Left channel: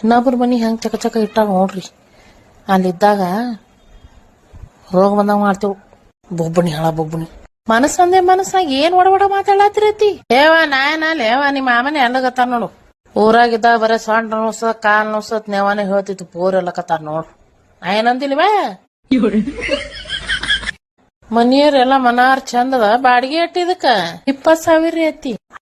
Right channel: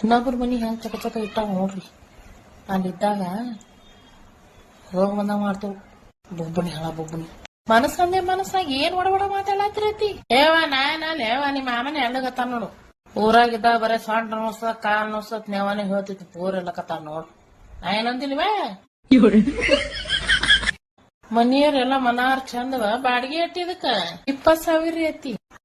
ಇನ್ನೊಬ್ರ ಮನೆ ಹೆಂಗೆ ಚಕ ಚಕ ಇಟ್ಟಾಗ ನೋಡ್ರಿ. ಅಲ್ಲಿದ್ದಾಗ ರೋಗ ಬಂದಾಗ ಮಾಡ್ತೇವು. ಬೊಬ್ಬಣಿ ಹಳ ಬೊಬ್ಬಣಿ ಮನಸ್ಸಂದೆ ಮನಸ್ಸಾಗಿ ಏನ್ ಒಡಬಡ ಮಾತಾಡತ್ತಿರತಿ ನಾ ನಾಯನ, ಲೇವ ನಿಮ್ಮ ಮಾಮನೆ ಎಲ್ಲಗತ್ತಾರ ನೋಡು. ಊರಾಗಿದ್ದಾಗ ಬರ ಸೊಂಟ ನೋಸ ಕಾಲ್ ನೋಸತ್ ನೇವಾನೆ ಹೇಳ್ತಿತ್ತು, ಪೂರೆಲ್ಲ ಕತ್ತಾರ ನೋಡು. ನಾ ಏನಂದಿಲ್ವೇ ಮನಿಯವ್ರೆಲ್ಲ ಮನಾರ್ ಚಂದದ, ಬಾಡಿಗೆ ಅಟ್ಟಿದಕ್ಕ ಇಪ್ಪತ್ ಸಾವಿರ ರೀ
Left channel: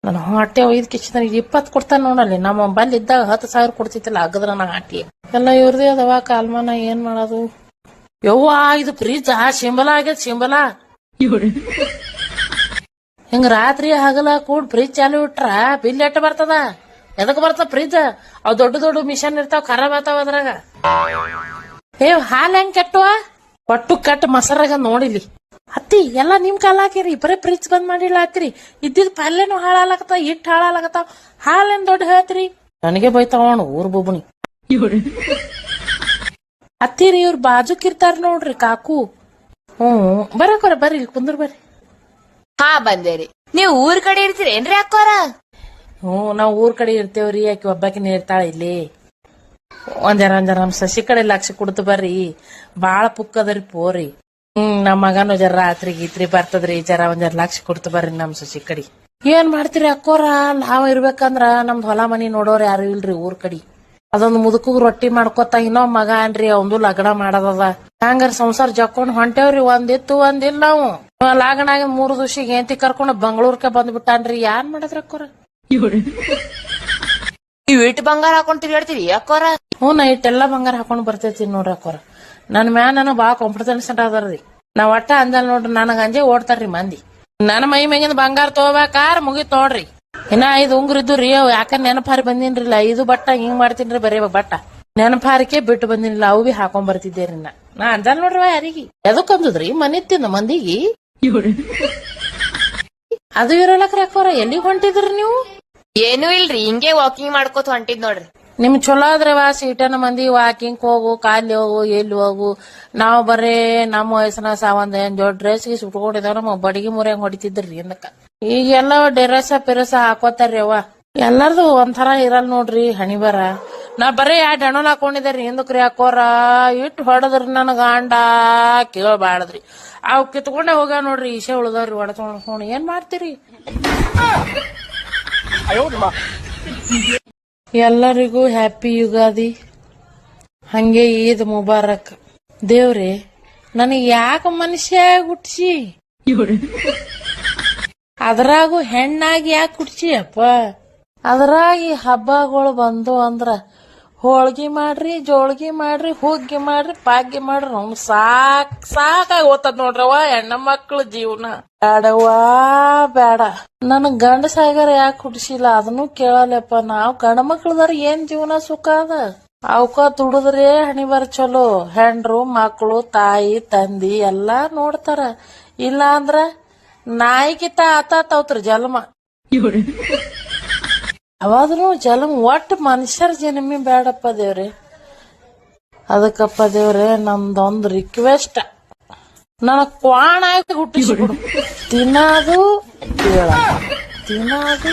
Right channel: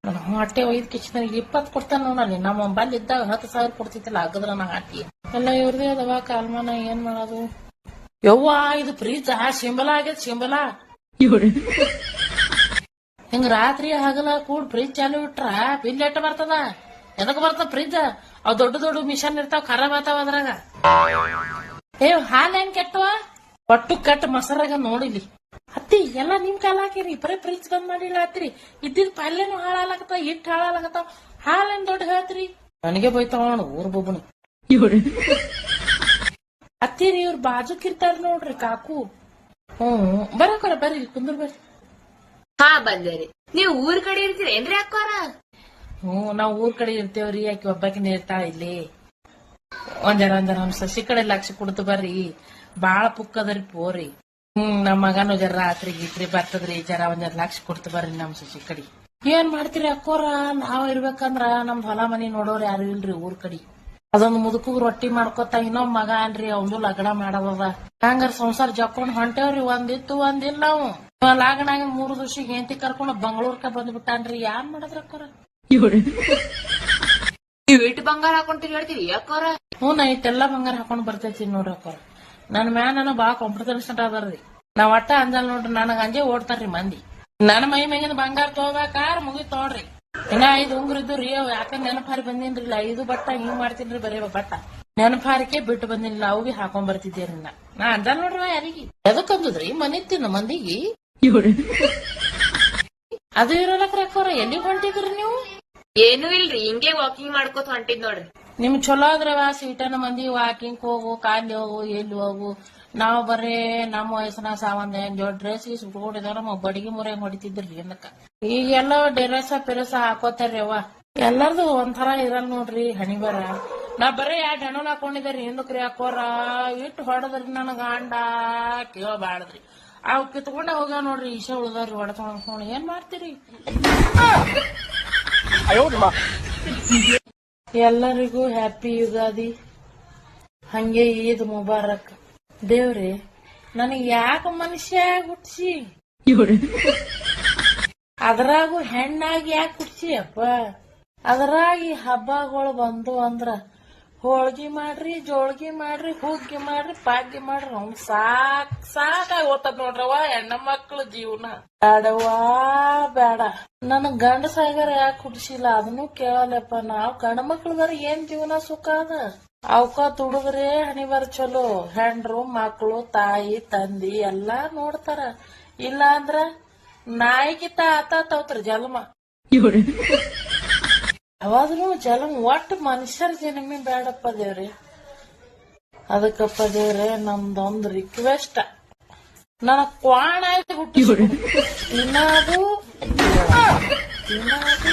ನನ್ನ ಹೊಟ್ಟೆ ಒಯ್ದ ನನಗೆ ಇಪ್ಪತ್ತು ಕೊಡ್ತಾನೆ ನೋಡಲ್ಲಿ. ನಮ್ಮ ಬಂದ್ ಇದ್ದಾಗ ಹತ್ತು ಸಾವಿರ ಕೊಡ್ತಿತ್ತಲ್ಲ ಅಗದ್ರ ನಾ ಹಾಕಿ. ಎಲ್ಲ ಇವ್ರದೇ ಅದವ, ಕಾಲ್ಮಾನ ಏನ್ ಮಾಡೋದು? ಯವ್ವ, ಇದು ಫ್ರಿಜ್, ಆ ಸಿಂಬಲ ಆಗ್ಯದ ಸಿಂಬಲ ಹಿಂಗ ರಾತ್ರಿ ಹಗಲ ಕೂಡ ಫ್ರಿಜ್ ಚಾಲು ಇಟ್ರ ಬಿಲ್ ಎಟ್ಟ ಬರ್ತದ? ಎದಕ್ ಬರ್ತದ ಫ್ರಿಜ್? ಅವ್ ದೊಡ್ಡ ದೊಡ್ಡ ಮಿಷನ್ ಇರ್ತಾವ, ಖರಾಬ್ ಆತಾವ ಅದ್ರಾಗ. ಏ, ಹಾಲ್ ಹೆಂಗ್ ಕೆಟ್ಟವ? ಒಟ್ಟು ಕೆಟ್ಟ ಮಸರಾಗ ನೋಡಿಲಿ. ಎಲ್ಲಾ ನಿಮ್ ಕಾಲ ಹಾಕಿರಿ ಬರೀ ಫ್ರಿಜ್ ಬಂದ್ ಮಾಡಿಲ್ಲ ಆತ್ರಿ. ಇದ್ದಿದ್ ಪಲ್ಯನು ಹಾಳಾಗತ್ತ ಇಟ್ಟು ಹಾಳಾಗತ್ತಾವ ಹಾಲೇನ್ ದೊಡ್ಡ ಹೇಳ್ತ್ರಿ. ನನಗೆ ಬೈತಾವ ಅವನು ಊರ್ ಬೊಬ್ಬನಿ. ಅತ್ತಿರಿ ಇವ್ರ ಬಾಜುಕಿರ್ತಾರ ನೋಡ್ರಿ ಕಾಕು. ಹ್ಮ್. ಬರಕೋರ ಬರ್ರಿ ಕುಂದ್ರ ಬರ್ರಿ. ಹಾ ಬಂದೇರಿ. ನೀವ್ ಊರ್ ಕಡೆ ಇರ್ತೀರಿ ಏನ್ರಿ ಅಕ್ಕೋರ? ಹ್ಮ್ ನಾವ್ ಊರ್ ಕಡೆ ಇರ್ತೇವ್ರಿ ಆಕಿ ಒಬ್ಬಾಕಿನೇ ಇರ್ತಾಳ ಇಲ್ಲಿ. ಒಂದರ ಒಂದರ ನಮ್ ಸಸಿ ಕಡೆ ಲಕ್ಷ ಕೊಡ್ತು ಬರ್ರಿ. ಬಾಳ ಪುಕ್ಕದರಿ ಪೋರಿ. ಹ್ಮ್ ನಮ್ಮ ಮಗನು ಜರ ರಾತ್ರಿ ಗೀತ್ರಿ ಬರ್ತದ್ರಿ ಜರ ಒಂದರ ಲಕ್ಷ ಕೊಡ್ತು ಬರ್ರಿ ನಮ್ ಸಸಿ ಕಡಿ. ಏನ್ ಮಾಡ್ತೀರಿ ಅಕ್ಕೋರ? ನಾವ್ ಇರ್ಬೇಕಂದ್ರ ನಮ್ ಹೊಲ ಮನಿ ನೋಡೋರ್ ಯಾರು ಇಲ್ರಿ ಊರ್ ಕಡಿ. ಅದೊಂದು ಮುದುಕಗ್ ರೊಟ್ಟಿ ಮಾಡ್ಕೊತ ಇನ್ನೊಬ್ ಮಗ ಅನ್ರಿ ಅವಂದು ಲಗ್ನ ಮಾಡದದ. ಹಂಗಾರ ಸಂಸಾರ ಜಕ್ಕೊಂಡ್ ಹೊಂಟೇವ್ರಿ ಒಂದಿತ್ತು ಒಂದಿಲ್ಲ ನಾವು ಲಗ್ನ ಆಗಿ ಮೂರು ದಿವಸಿಗೆ ಏಂತಿ ಕರ್ಕೊಂಡ್ ಬೆಂಗಳೂರ್ಕ ಬಂದ್ಬಿಟ್ಟಾನ್ರಿ ಯಾನ್ ಮಾಡಿದ್ರ ಅಕ್ಕೋರ? ನೀವ್ ಇಟ್ಟು ಬಂಗಾರ ಹಾಕೊಂತೀವಿ ಹೇಳ್ತೀವಿ ಅಕ್ಕೋರ? ಹ್ಞೂ ನೈಟ್ ಎಲ್ಲಾ ಬಂಗಾರ ಹಾಕೊಂಡ್ ಬರ್ತೈತಿ ನೋಡ್ರಿ ಅಕ್ಕೋರ. ನನ್ ಮ್ಯಾ ನನಗ್ ಬಾ ಕಾನ್ಫಿಡೆನ್ಸ್ ಅದಾರ್ರಿ ನಾ ಒಟ್ಟ ಅಂದಲ್ ನೋಡ್ರಿ ನನಗ ಅಂಜೆ ಓಡ್ತಾರ್ರಿ ಮಂದಿ. ನನ್ನ ಮೈ ಮ್ಯಾಗಿಂದ ಬಂಗಾರ ತಗೋಬೇಕಾರ ಮುಗಿತ್ ನೋಡ್ರಿ. ಇನ್ನ ಐದು ಉಂಗ್ರ ರೀ ಯಾಕ ನೆನಪಾರಿ ಬಂದಿನ್ರಿಲ್ಲ. ಐದು ಬಟ್ಟ ಹಿಂಗ್ ಮಾಡ್ತೀನಿ ಬರೀ ಬಟ್ಟ. ನೆನಪಾರಿಕೆ ಬಿಟ್ಟು ಬಂದಿನಿಲ್ಲ ಅವು ಬಿ ಹಾಕೊಂಡ್ ಬರ್ತಿದ್ದೇರಿ ನಾ ನಾ ಅಂಜಲ್ ನೋಡ್ರಿ ಯಾರಿಗಿ. ಎದಕ್ ಅಂದದ್ರಿ? ಮನಿ ತಿಂದ ಮಂದಿಗಿ? ಅದು ಇರಲಕ್ರ ರಕ್ಕೋರ ಎಲ್ಲಿಗ್ ಹೊಂಟಿದ್ರಿ ನೀವು? ಏನೂ ಇಲ್ರಿ. ಹಿಂಗೆ ವಾಕಿಂಗ್ ಮಾಡ್ಕೋತ ಹೊಂಟಿದ್ ನೋಡ್ರಿ. ನಿಮ್ ಚಲೋ ಆದ್ರೆ ವಾ ಸೀಟನ ಮಂದಿ ವಾಕಿಂಗ್ ಹೋಗು ಕಾಲಿ ಹೋಗು, ಎಲ್ಲಿ ಹೋಗು. ನಾವು ಬರೇ ನಮ್ಮ ವಯಸ್ಸಿನ ಸಾವಂದ ಜೋಡ್ ಡ್ರೆಸ್ ಗೀಸ್ ಉಟ್ಕೊಂಡಿದಾವ ನಮ್ಮ ಬಡಿಗೆ ಮುರಿಯಂಗ್ ಹೊಡಿತಿದ್ರಿ ಏನಕ್ಕ. ಈಗೆಲ್ಲ ಡೆರಸ ಪೆರಸ ಹಾಕೋತಾರ್ರಿ ಅವ ಎಲ್ಲಾರ್ದು ಒಂಥರ ಇರಲ್ ನೋಡ್ರಿ ಹಣಿ ಬರ. ನಾ ಬರೇ ಯಾ ಹಣ್ಣನ್ ಹಾಕೊಂಡಿದ್ದಾರಿ, ಹಿಂದಕ್ರಿ ಹಾಕೋರ. ಇಟ್ ಹೊಡದ್ರಿ ನನ್ ಗಾಂಡ ಕೇಳಬಾಳದ್ರಿ ಅವ್ ಕಿತ್ಕೊಂಡೆ ಹೋಗ ನೋಡ್ರಿ, ಈಶೆ ಉಳ್ದವ್ರಿ, ಹೊಡೆದ್ ಏನ್ ಮಾಡ್ತೀರಿ? ಎಲ್ಲರಿಗೂ ಹ್ಯಾಪಿ ಯುಗಾದಿ. ಹಂಗೆ ಈದ್ ಮುಬಾರಕ್. ದೇವ್ರಿ ನನಗೆ ಯಾಕ ಮನುಷ್ಯ ಹುಟ್ಸಿ? ಅದ್ರಾಗೂ ಹೆಣ್ಣಾಗಿ ಯಾಕೆ ಹುಟ್ಸಿ ಅಪ್ಪ ಅದ್ರಾಗಿ ಹಬ್ಬಗಳು ಬಂದು ಅಂದ್ರ ಹೋಳ್ಗಿ ಮಾಡ್ರಿ, ಜೋಳ್ಗಿ ಮಾಡ್ರಿ, ಹುಗ್ಗಿ ಮಾಡ್ರಿ, ಪಾಗ್ಗಿ ಮಾಡ್ರಿ ನಮ್ ಸಾಕ್ ಸಾಕಾಗಿ ಓದ್ತದ ನೋಡ್ರವ ಹೆಣ್ಣ ಮಕ್ಳ ಜೀವನ. ಬೇಡವಾ ಬೇಡ. ನನ್ ಗಂಡ ಸಾಗರ ಯಾಕೆ ಕುಡ್ಸಿಲ್ಲ ಅದನ್ನು ಕೇಳಲ್ಲಪ್ಪ. ನಾವ್ ಗಂಡ ಮಕ್ಳದಾರ ಏನ್ ಜೀವನ ಸುಖ ಅದ? ಅವಕ ದುಡಿದ್ರೆ ಹಣಿ ಬರ ಚಲೋ. ಹೆಂಡ್ರು ಮಕ್ಳು, ತಾಯಿ, ತಂದಿ ಎಲ್ಲಾ ನೋಡ್ತಾರ. ಇಲ್ಲ ಅಂದ್ರ ನಾಯಿಗಿತ ಆತಾತವ್ತ್ರ ಜನ್ಮ ಅವಾದ್ರೂ ಜನ್ಮ ಒಟ್ಟು ಮನುಷ್ಯರ ಜನ್ಮಿ ಬೇಡಪ್ಪ ದೇವ್ರಿ. ಅದಕ್ಕಪ್ಪ ದೇವ್ರೆ ನಂದೊಂದು ರಿಕ್ವೆಸ್ಟ್ ನನಗ್ ಕ್ವಾಣ ಆಯ್ತು ಹುಟ್ಟಿಸ್ಬಿಡು. ತಿನ್ನೋದು. ತಿನ್ನೋದು